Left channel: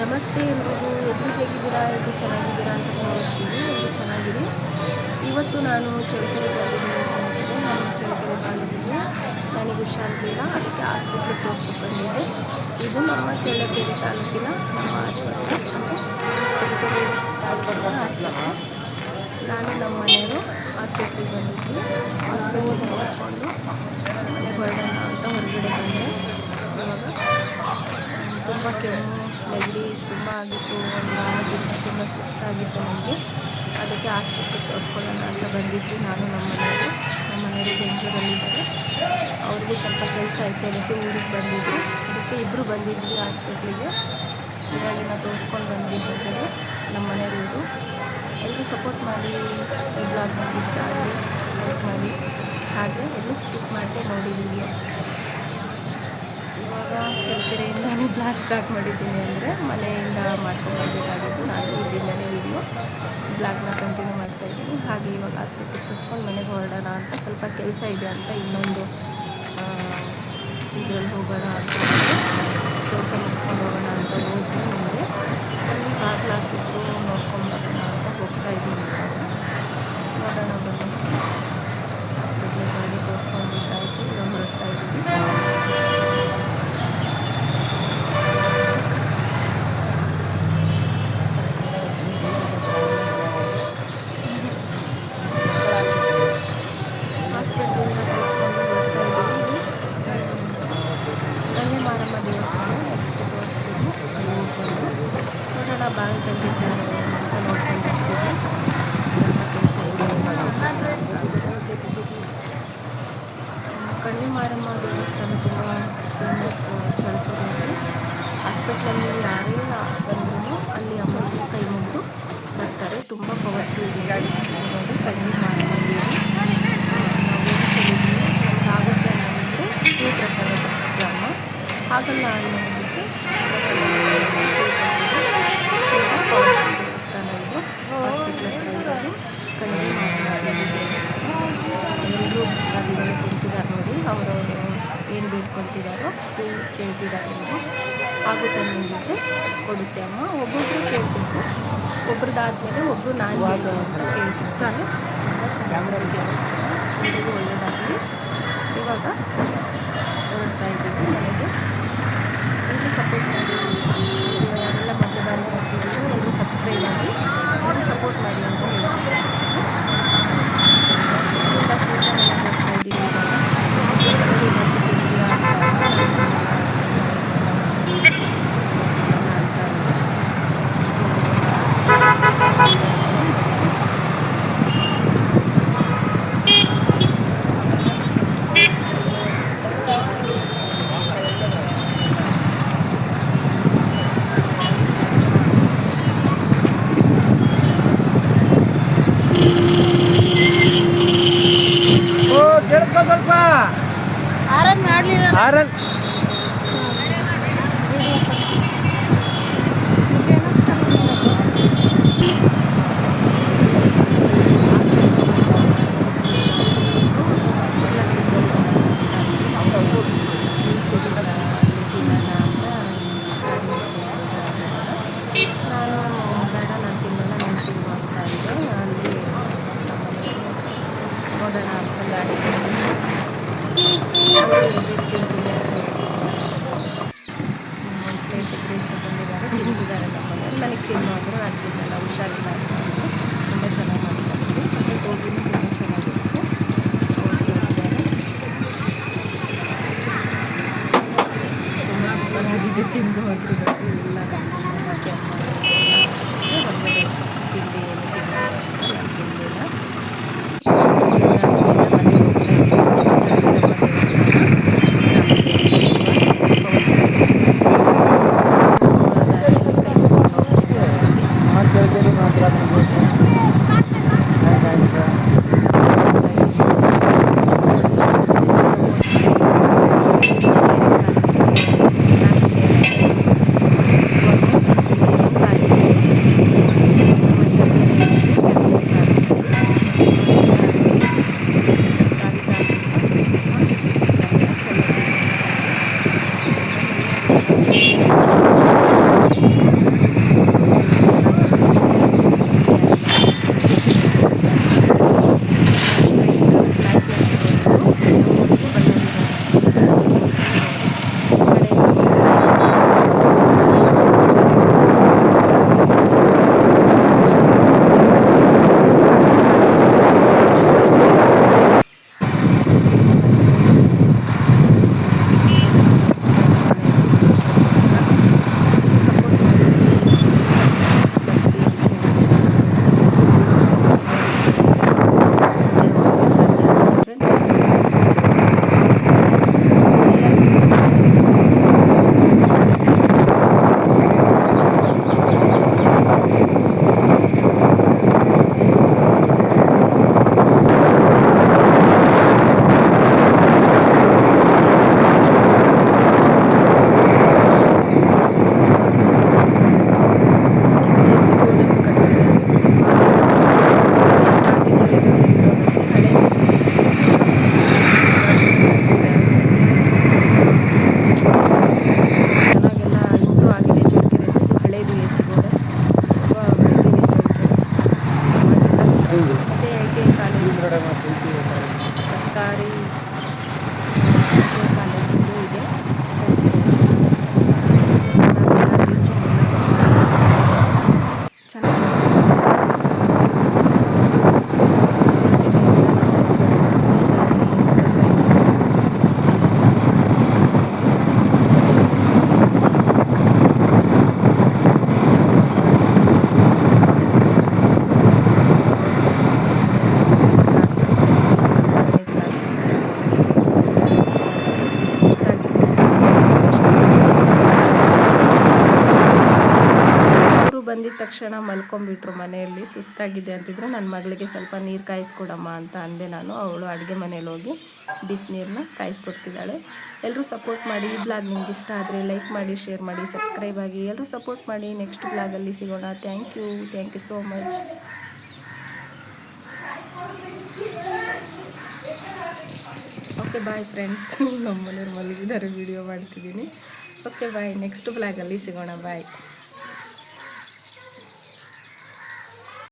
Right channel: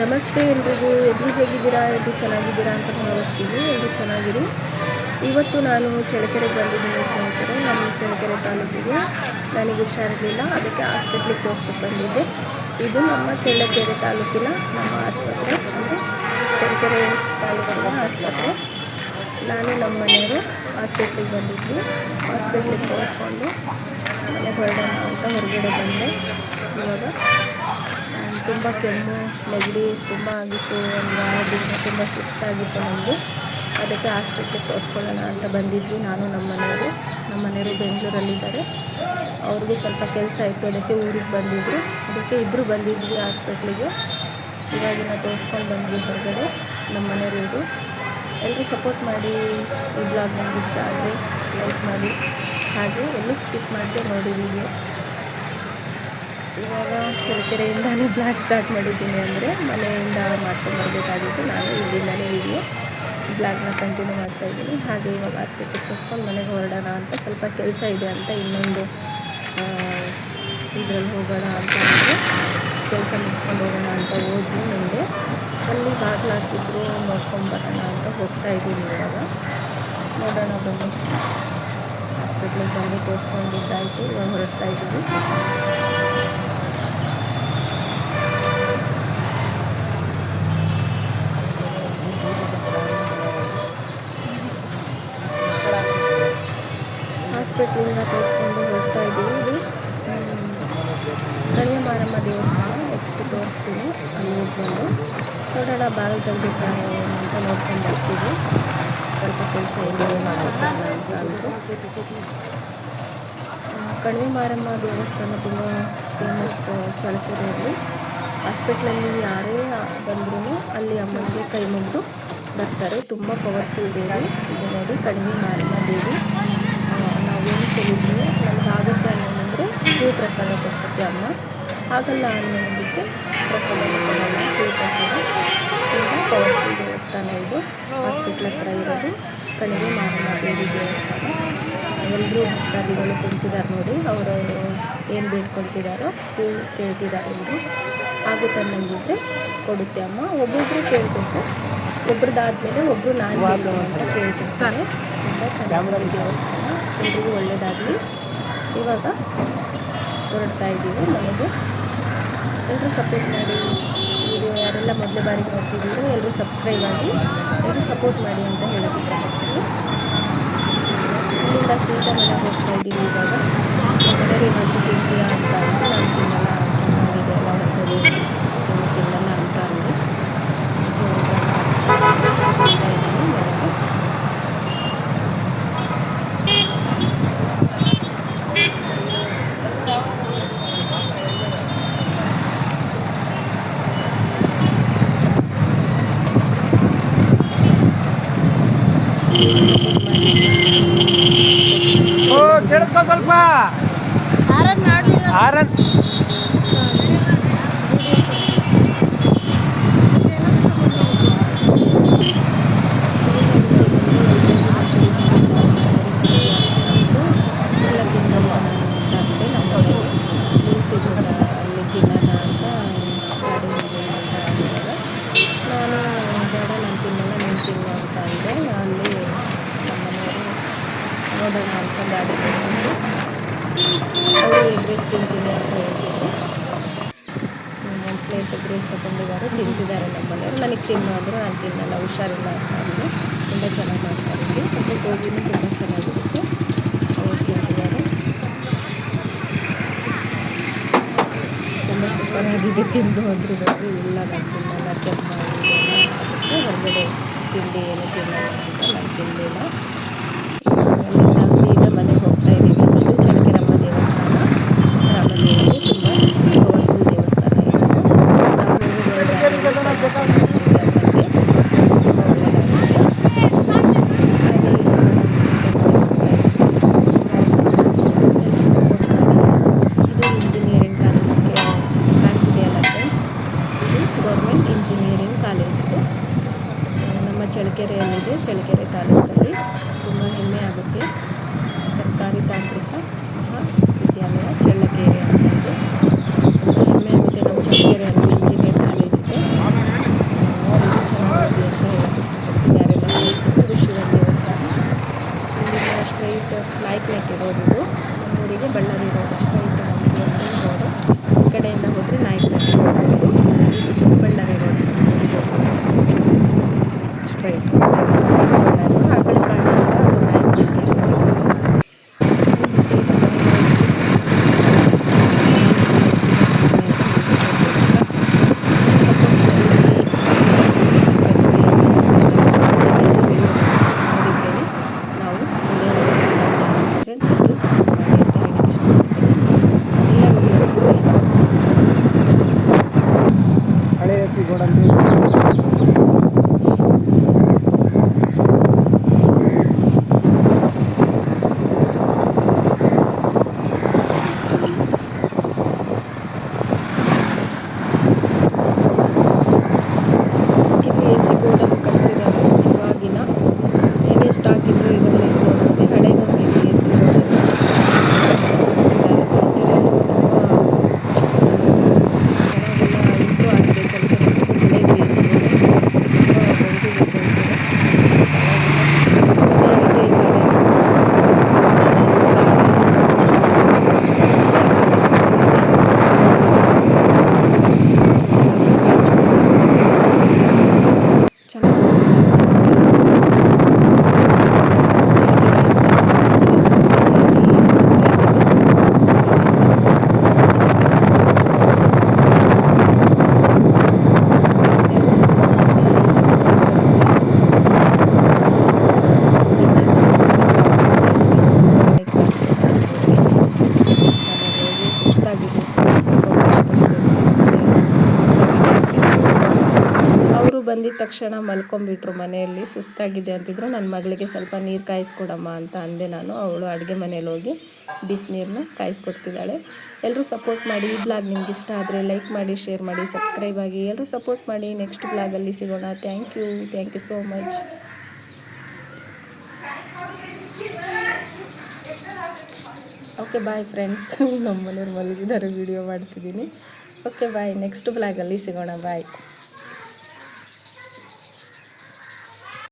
ನಮಸ್ತೆ ಎಲ್ರಿಗೂ. ಎಲ್ಲರೂ ಹೇಗಿದ್ದೀರಾ? ಎಲ್ಲರೂ ಚೆನ್ನಾಗಿದ್ದೀರಾ ಅಂತ ಭಾವಿಸ್ತೀನಿ. ಎಲ್ಲರೂ ಚೆನ್ನಾಗಿರಿ. ಇವತ್ತು ನಾನು ಚಳ್ಳಕೆರೆಗೆ ಬಂದಿದ್ದೀನಿ ಸ್ನೇಹಿತರೆ. ನಮ್ಮ ಚಳ್ಳಕೆರೆ ತಾಲೂಕಿಗೆ ನನಗೆ ಹುಷಾರಿರಲಿಲ್ಲ, ಅದಕ್ಕೆ ಹಾಸ್ಪಿಟ್ಲಿಗೆ ತೋರಿಸೋಕೆ ಬಂದಿದ್ದೆ. ಇದು ನಮ್ಮ ಚಳ್ಳಕೆರೆ ತಾಲೂಕಿನ ನಮ್ಮ ಆಸ್ಪತ್ರೆ, ಅಂದರೆ ಚಳ್ಳಕೆರೆ ತಾಲೂಕಿನ ಆಸ್ಪತ್ರೆ. ನಾನು ನಮ್ಮ ಮನೆಯವರು ಹಾಸ್ಪಿಟ್ಲಿಗೆ ಬಂದಿದ್ವಿ. ಹಾಸ್ಪಿಟ್ಲಿಗೆ ತೋರಿಸ್ಕೊಂಡು ಮನೆಗೆ ಹೊರಡೋಣ ಅಂತ ಹೊರಗಡೆ ಬಂದೆ. ಇವಾಗ ತುಂಬ ಕೆಮ್ಮು ನೆಗಡಿ ತುಂಬ ಆಗಿತ್ತು. ಒಂದು ವಾರದಿಂದ ತುಂಬ ಸುಸ್ತಾಗಿತ್ತು ನನಗೆ. ಅದಕ್ಕೆ ಹಾಸ್ಪಿಟ್ಲಿಗೆ ತೋರಿಸ್ಕೊಳ್ಳೋಣ ಅಂತ ಬಂದಿದ್ವಿ ನಾನು ನಮ್ಮ ಮನೆಯವರು ಬೆಂಗಳೂರಲ್ಲಿದ್ದಾರೆ. ಅವ್ರಿಗೂ ಸ್ವಲ್ಪ ಕೆಲಸ ಇತ್ತು, ಅದಕ್ಕೆ ಊರಿಗೆ ಬಂದಿದ್ದರು. ಅದಕ್ಕೆ ಇಬ್ಬರು ಬಂದಿದ್ವಿ ಹಾಸ್ಪಿಟ್ಲಿಗೆ. ಇವಾಗಿನ ತೋರಿಸ್ಕೊಂಡು ಬಂದ್ವಿ ಹೊರಗಡೆ. ನಮ್ಮ ಮನೆಯವರು ಎಲ್ಲರೂ ಸಪೋರ್ಟ್ ಮಾಡಿ. ಈ ಬ್ಲಾಗ್ ನನಗೆ ಇಷ್ಟ ಆದರೆ ಲೈಕ್ ಮಾಡಿ, ಹಾಗೆ ಎಲ್ಲೂ ಸ್ಕಿಪ್ ಮಾಡಿದೆ ನೋಡಿ ವಿಡಿಯೋ. ಇವಾಗ ಚಳ್ಳಕೆರೆಯಿಂದನೇ ಬ್ಲಾಗ್ ಸ್ಟಾರ್ಟ್ ಮಾಡಿದ್ದೀನಿ, ಅಂದರೆ ಮನೆಯಿಂದ ಮಾಡ್ಕೊಂಡು ಬರಬೇಕಾಗಿತ್ತು. ನಾನು ಇಲ್ಲಿಂದಲೇ ಬ್ಲಾಗ್ನ ಕಂಟಿನ್ಯೂ ಮಾಡ್ತಾಯಿದ್ದೀನಿ. ಹಾಗೆ ಇವಾಗ ಹಾಸ್ಪಿಟ್ಲಿಗೆ ತೋರಿಸ್ಕೊಂಡು ಮನೆಗೆ ಹೊರಡೋಣ ಅಂತ, ಸ್ವಲ್ಪ ಕೆಲಸ ಇದೆ ಅಂತ ಇನ್ನೊಂದು ಇದರಲ್ಲಿ ಹೋಗೋಣ ಅಂತ ಕೆಲಸ ಮುಗಿಸ್ಕೊಂಡು ಹೋಗೋಣ ಅಂತ ಹೋದ್ವಿ. ಮುಂದೆ ಅಲ್ಲಿ ಬಾಗಿಲಾಗ್ತಿದ್ರು, ನೋಡ್ಕೊಂಬರೋಣ ಅಂತ ಹೋಗ್ತಾಯಿದ್ದೀನಿ. ಇವಾಗ ನೋಡೋಣ ಬನ್ನಿ. ಹಾಸ್ಪಿಟ್ಲಿಗೆ ಬಂದು ತೋರಿಸ್ಕೊಂಡಿದ್ದಾಯಿತು, ಇವಾಗ ಹೊರಡ್ತಾಯಿದ್ದೀವಿ. ಹಾಸ್ಪಿಟ್ಲಿಂದ ತೋರಿಸ್ಕೊಂಡು ಹೊರಡ್ತಾ ಇದ್ದೀವಿ. ಇದು ಕನ್ಯಾ ಮಾರಮ್ಮ ದೇವಸ್ಥಾನ. ನೆಕ್ಸ್ಟ್ ತೋರಿಸ್ತೀನಿ, ಅಲ್ಲಿ ಹೋಗ್ಬಂದು ನೋಡೋಣ. ಬಾಗಿಲು ತೆಗೆದಿದ್ದಾರೆ ಅಂತ ನೋಡ್ಕೊಂಡು ಬರ್ತೀವಿ. ಸ್ವಲ್ಪ ಕೆಲಸ ಇದೆ ಮಾಡಿದ್ದಾರೆ ಅಂತ ಅಂದರು. ಕಣಿವೆ ಮಾರಮ್ಮ ದೇವಸ್ಥಾನ ತುಂಬ ಫೇಮಸ್ ಚಳ್ಳಕೆರೆಯಲ್ಲಿ. ಹಾಸ್ಪಿಟ್ಲಲ್ಲಿ ಯಾರೇ ಬಂದ್ರೂ ಅಲ್ಲಿ ಅಮ್ಮನಿಗೆ ಕೈ ಮುಗಿದು ಬರ್ತಾರೆ. ತುಂಬ ಪವರ್ಫುಲ್ ದೇವಿ ಇದು. ನೋಡಿ, ಕಣಿವೆ ಮಾರಮ್ಮ ದೇವಿ. ನಾವೇನು ಕೇಳಿದ್ವಿ ನಮ್ಗೆ ಆಗುತ್ತೆ ಅನ್ನೋದಂದರೆ ಹೂ ಪ್ರಸಾದ ಕೊಡ್ತೈತೆ ಅಮ್ಮ. ಆಗಲ್ಲ ಅನ್ನೋದಕ್ಕೆ ಪ್ರಸಾದ ಕೊಡಲ್ಲ, ಹೂ ಪ್ರಸಾದ. ತುಂಬ ಪವರ್ಫುಲ್ ದೇವಸ್ಥಾನ ಇದು. ಹಾಸ್ಪಿಟ್ಲ್ ಹತ್ರ ಇರೋದು ಕಣಿವೆ ಮಾರಮ್ಮ ದೇವಿ ದೇವಸ್ಥಾನ. ಎಲ್ಲರೂ ಭಕ್ತಾದಿಗಳು ಕುಳಿತಿದ್ದಾರೆ ನೋಡಿ. ಅವರವರು ಏನು ಬೇಡ್ಕೊಳ್ತಿದ್ದಾರೋ ಹೂ ಕೇಳ್ತಿದ್ದಾರೆ. ಎಲ್ಲರೂ ಆಗುತ್ತೆ ಅನ್ನೋದಿದ್ರೆ ಕೊಡುತ್ತೆ ಅಮ್ಮ. ಒಬ್ಬೊಬ್ಬರು ಕೇಳಬೇಕು, ಒಬ್ರದ್ದಾದ್ಮೇಲೆ ಒಬ್ಬರು ನಾನು ಕೇಳ್ತೀನಿ ಅಂತ ಕೇಳ್ತಿರ್ತಾರೆ. ತುಂಬ ಚೆನ್ನಾಗಿದೆ ದೇವಸ್ಥಾನ. ಎಲ್ರಿಗೂ ಒಳ್ಳೆಯದಾಗಲಿ. ಇವಾಗ ಹೊರಡ್ತಾ ಇದ್ದೀವಿ ಮನೆಗೆ. ಎಲ್ಲರೂ ಸಪೋರ್ಟ್ ಮಾಡಿ. ವಿಡಿಯೋ ಯಾರೆಲ್ಲ ಮೊದಲೇ ಬಾರಿಗೆ ನೋಡ್ತಿದ್ದೀರೋ ಎಲ್ಲರೂ ಸಬ್ಸ್ಕ್ರೈಬ್ ಆಗಿ, ಎಲ್ಲರೂ ಸಪೋರ್ಟ್ ಮಾಡಿ ಅಂತ ಹೇಳೋಕ್ಕೆ ಇಷ್ಟಪಡ್ತೀನಿ. ಇಲ್ಲಿಂದ ಸೀದಾ ಮನೆಗೆ ಹೋಗ್ತಾ ಇದ್ದೀವಿ. ಇವಾಗ ಮನೆಯವರು ಇವತ್ತು ತಿಂತೀಯಾ ಅಂತ ಅಂದ್ರೆ ನಾನು ತಿನ್ನಲ್ಲ, ಇದೆಲ್ಲ ಹೊಟ್ಟೆಲಿ ತಿನ್ನಲ್ಲ ಅಂತ ಅಂದೆ. ಸ್ವಲ್ಪ ಆರನ್ ಮಾಡಲಿಲ್ಲ. ಅಲ್ಲಿ ತಿನ್ನೋಣ ಅಂತ ಗಾಡಿ ಅಂತ ಅಂದಾಗ ನಾನು ಬೇಡ, ನಾನು ತಿನ್ನಲ್ಲ, ನೀನು ತಿನ್ನು ಅಂತ ಅಂದೆ. ಅಲ್ಲಿ ನಮ್ಮನೆಯವರು ನೋಡೋಣ ಅಂತ ಗಾಡಿ ಕಳಿಸಿದ್ರು. ಅವರು ಎಗ್ ರೈಸ್ ತಿಂತೀನಿ ಅಂತ ಹೇಳ್ತಿದ್ರು. ಒಂದು ಪ್ಲೇಟ್ ಎಗ್ ರೈಸ್ ತೊಗೊಂಡಿದ್ದಾರೆ, ತಿಂತಿದ್ದಾರೆ ನಮ್ಮನೆಯವರು. ನನಗೆ ತಿನ್ನು ಅಂದರು. ನಾನು ತಿನ್ನಲ್ಲ, ಹುಷಾರಿಲ್ಲ ಅಂತ ಅಂದರು. ತುಂಬ ಚೆನ್ನಾಗಿ ಮಾಡ್ತಾಯಿದ್ವಿ. ಮತ್ತು ಗೋಬಿನೂ ತುಂಬ ಚೆನ್ನಾಗಿರುತ್ತೆ. ಅವ್ರು ತಿಂತಿದ್ದಾರೆ. ತುಂಬ ಸೂಪರ್ ಆಗಿದೆ. ತಿಂದು ಹೋದ್ರು ನೋಡಿ. ಇಲ್ಲ, ನಾನು ತಿನ್ನಲ್ಲ, ಕೆಮ್ಮು ಇದೆಲ್ಲ ಅದಕ್ಕೆ ಹೊರಗಡೆ ತಿಂಡಿ ಏನು ತಿನ್ನಲ್ಲ ಅಂತ ನಾನು ತಿನ್ನಲಿಲ್ಲ. ಸೀದಾ ಮನೆಗೆ ಹೋಗ್ತಾ ಇದ್ದೀವಿ. ಇದು ಚಳ್ಳಕೆರಮ್ಮ ದೇವಸ್ಥಾನ. ರಾಮದೇವಿ ತುಂಬ ಪವರ್ಫುಲ್ ದೇವಸ್ಥಾನ. ಗೌರ್ಮೆಂಟ್ ಇಂಜಿನಿಯರಿಂಗ್ ಕಾಲೇಜು ನಮ್ಮ ಚಳ್ಳಕೆರೆಯಲ್ಲಿದೆ. ಚಳ್ಳಕೆರೆ ತಾಲೂಕಲ್ಲಿ ತುಂಬ ಹೆಮ್ಮೆ ಆಗುತ್ತೆ. ಬಂದಿದ ತಕ್ಷಣ ಮಲ್ಕೊಂಬಿಟ್ರು ಮನೆಯಲ್ಲಿ, ಸುಸ್ತಾಗಿದೆ ಅಂತಿದ್ರು. ನನ್ನ ಮಗಳಿಗೆ ಸ್ವಲ್ಪ ನೀರು ಕಾಯಿಸ್ಕೊಡಮ್ಮ ಅಂತ ಅಂದೆ ನಾನು. ಅವಳು ಅಡುಗೆ ಮನೇಲಿ ಹೋಗಿ ಬಿಸಿನೀರನ್ನ ಕಾಯಿಸ್ಕೊಡ್ತಿದ್ದಾಳೆ. ಎಲ್ಲರೂ ಸಪೋರ್ಟ್ ಮಾಡಿ. ಈ ಬ್ಲಾಗ್ ನಿಮ್ಗೆ ಇಷ್ಟ ಆದರೆ ಲೈಕ್ ಮಾಡಿ, ಶೇರ್ ಮಾಡಿ, ಸಬ್ಸ್ಕ್ರೈಬ್ ಆಗಿ. ಎಲ್ಲರೂ ಸಪೋರ್ಟ್ ಮಾಡಿ. ನೆಕ್ಸ್ಟ್ ಬ್ಲಾಗಲ್ಲಿ ಸಿಗೋಣ. Thank you so much. Okay bye friends. ನಮ್ಮ ಮನೆಯವ್ರು ಮಲಗಿದ್ದಾರೆ, ವಿಡಿಯೋ ಮಾಡ್ತಿದ್ದೀನಿ. ಓಕೆ ಬಾಯ್, ನೆಕ್ಸ್ಟ್ ಬ್ಲಾಗಲ್ಲಿ ಸಿಗೋಣ. ಬಾಯ್.